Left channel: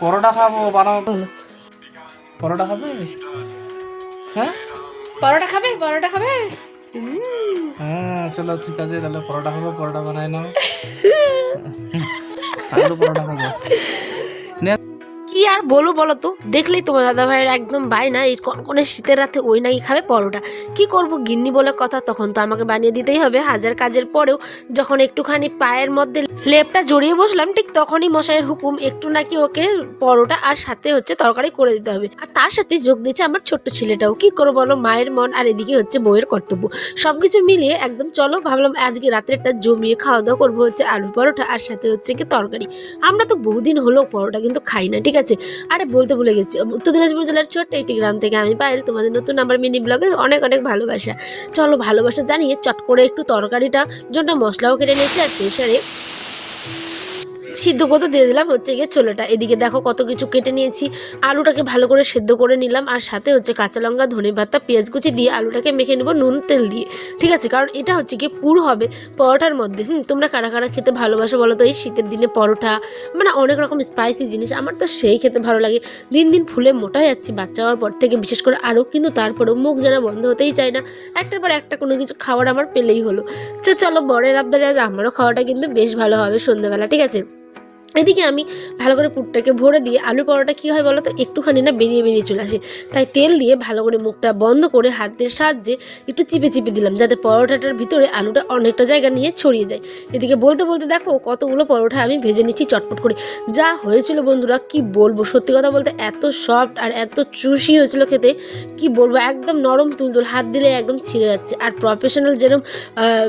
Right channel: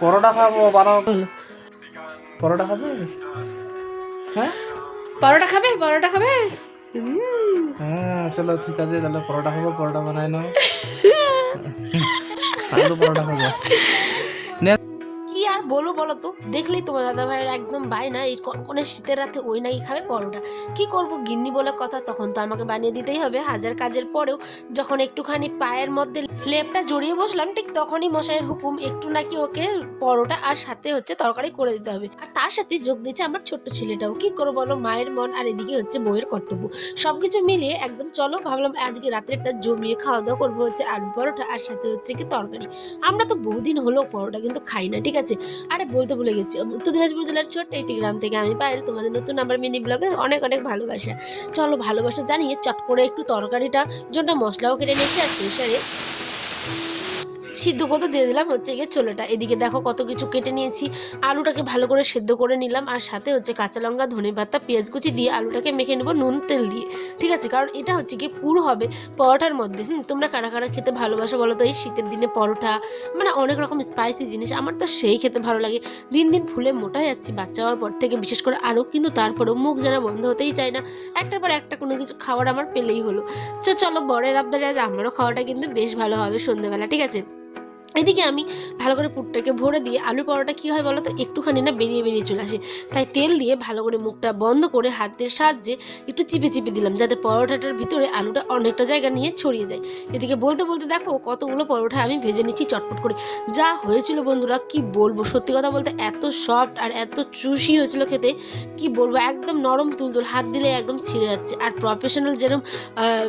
পরোটা খাবো, বানাও। পরোটা খাবে? হ্যাঁ পরোটা খাবে? পরোটা খাবে? হ্যাঁ চলো ঠিক আছে, তাহলে পরোটা খাবো, পরোটা বানাই নাও। আলু পরোটা খাবো। কি আর বলো বলো তো, দেখলেই তোমার দাদা ভাইয়ের একদম বায়না, এই কনকনে শীতের রাতে ওই নাকি খাবে পরোটা। কি করব, গিন্নি বলে কথা, তখন তো আমাকে বানিয়ে দিতেই হবে হাজার কাজের পরেও। যখন একটুখানি পায়ের মধ্যে লেপটা জড়িয়ে বসলাম, ঠিক তখনই মশাইয়ের হুকুম, একটু নাকি ওকে পরোটা আর সাথে হচ্ছে তরকারি করে দিতে হবে। আর তার সাথে যোগ দিয়েছে আমার ছোট্ট ছেলেটাও। কি করবো বলো, মায়ের মন আর এদিকে হচ্ছে বউয়ের কর্তব্য, সবকিছু মিলিয়ে একদম চলো ভাবলাম আজকে রাত্রেটা জমিয়ে খাওয়া দাওয়া করবো হচ্ছে আলু পরোটা আর সাথে হচ্ছে কি তরকারি। আমরা তো বহুদিন হলো পরোটা কিন্তু খাই না, ঠিক আছে। আরে বলতে ভুলে গেছি, উত্তর দিনাজপুর জেলার ছোট্ট একটি গ্রাম থেকে আমি পায়েল, তোমাদের নতুন আমার মিনি ব্লগে অনেক অনেক ভালোবাসা। চলো ভালোবাসা জানিয়ে চট করে একটু তরকারিটা জন্য মশলাও কেটে নিয়েছি, আর প্রেশারে সিদ্ধ করতে দিয়ে দিলাম হচ্ছে গিয়ে ছোলাটা। এদিকে দেখো কত কিছু কেটে নিয়েছি, আলুটাকে ভালো করে সেদ্ধ করে নিলাম, আর সাথে হচ্ছে কাঁচা লঙ্কা, ধনে পাতা, পেঁয়াজ কুচি দিয়ে আলুটাকে মেখে নেবো নুন তেল দিয়ে, ঠিক আছে। কারণ এটা হচ্ছে গিয়ে পুর হবে পরোটার মধ্যে। তোমরা কারা কারা খেতে ভালোবাসো বলো তো এই শীতের দিনে পরোটা, মানে অনেক রকম স্পাইসি জিনিস, আমার তো সেই খেতে ভালো লাগে। দিন দিন ফুলে মোটা হয়ে যাচ্ছি বাচ্চা হওয়ার পর থেকে, বিশেষ করে আরও, কিন্তু তারপরেও মুখ যারা বন্ধ হতেই চায় না, একটার পর একটা কোনো কিছু খাবার আমার পেলেই হলো। চলো বরের আবদারে আজ আমারও খাওয়াটা কিন্তু বেশ ভালো হবে সন্ধ্যেবেলা, ঠিক আছে। এদিকে আমি ভালো করে পুরটাকে ভরে দিয়ে, আলু পরোটা কী হয় বলো তো, একটুখানি না বেরিয়ে বেরিয়ে চলে আসে, তাই তেল দিয়ে ভালো করে মুখটা বন্ধ করে হাতের সাহায্যে একটু চিপে চিপে দিলাম, যাতে পরোটাটার ভিতরে আলুটা অনেকটা জায়গা নিয়ে ছড়িয়ে যায়। এদিকে বলতে বলতে দেখো কতগুলো পরোটা আমি ভেজে নিচ্ছি চটপট করে। যা হয়েছিল বন্ধুরা কি বলবো, সত্যি কথা বলতে এত সফট আর এত চুষি হয়েছিল খেতে, কি বলবো, একদম নরম তুলতুল, হাত দিলে একদম ছিঁড়ে যাচ্ছে। আর প্রফেশনাল যেরকম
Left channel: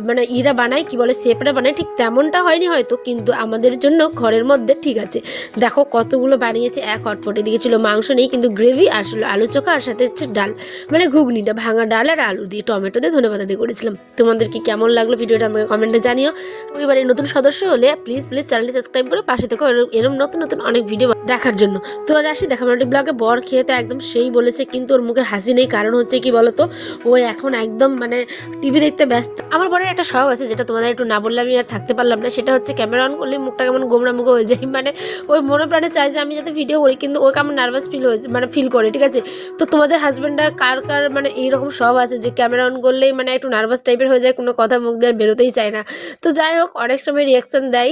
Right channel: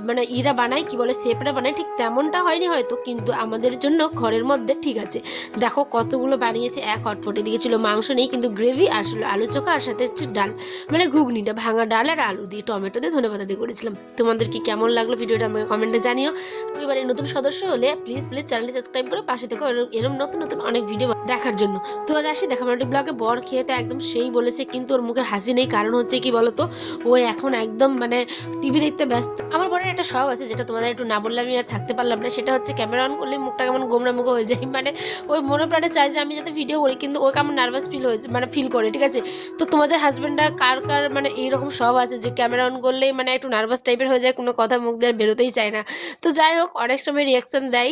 মানে ইরা বানায়, কি বলে শেপরা বানায়, ঠিক তেমনটা হয়নি হয়তো, কিন্তু আমাদের জন্য ঘরের মধ্যে ঠিক আছে। দেখো কতগুলো বানিয়েছে এক হটপট। এদিকে ছিল মাংস নেই কিন্তু গ্রেভি, আর ছিল আলু চোখা, আর সাথে হচ্ছে ডাল, মানে ঘুগনিটা ভাঙা ডাল আর আলু দিয়ে টমেটো দিয়ে ধনেপাতা দিয়ে করেছিলাম। তোমাদের কি কেমন লাগলো ভিডিওটা আমাকে কমেন্টে জানিও। পরিবারের নতুন সদস্য হলে প্লিজ প্লিজ চ্যানেলটি সাবস্ক্রাইব করে পাশে থেকে এরকম নতুন নতুন অনেক ভিডিও দেখার জন্য। তো আজ আসি দেখা মাটি ব্লগে। বর খেয়ে তো একদম সেই বলেছে, কিন্তু ওর মুখের হাসি নেই, কারণ হচ্ছে কি বলতো, ও এখন একদম মানে টিভি দেখতে ব্যস্ত। আমার বরের একটা স্বভাব আছে, যেটা তোমাদের একটু না বললে আমি আর থাকতে পারলাম না, সেটা হচ্ছে ক্যামেরা অন করলে মুখটা কেমন গোমরা মুখো হয়ে যায়, মানে ওই মনে প্রাণে চায় যে আমি যাতে ভিডিও করি, কিন্তু ও কেমন নার্ভাস ফিল হয়েছে, মানে ফিল করে, ঠিক আছে। তো তোমাদের হাজব্যান্ডরা কার কার মানে এইরকম স্বভাব আছে যে ক্যামেরা অন করলেই মানে একটু নার্ভাস টাইপের হয়ে যায়, কোনো কথা মুখ দিয়ে বেরোতেই চায় না। তো যাই হোক, অনেক সময় রিয়াকশান দেয়,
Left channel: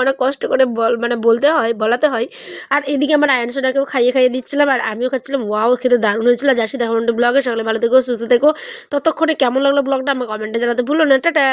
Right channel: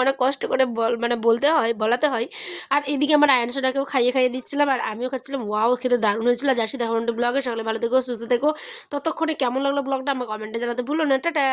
অনেক কষ্ট করে মানে বলতে হয়, বলাতে হয়। আর এদিকে আমার আয়নসোনাকেও খাইয়ে খাইয়ে দিচ্ছিলাম, আর আমিও খাচ্ছিলাম। ওয়াও খেতে দারুণ হয়েছিল। যাচ্ছি দেখা ব্লগে, সকালে ভালো থেকো, সুস্থ থেকো। ততক্ষণে কেমন লাগলো ব্লগটা আমার কমেন্টে জানাতে ভুলো না। টাটা।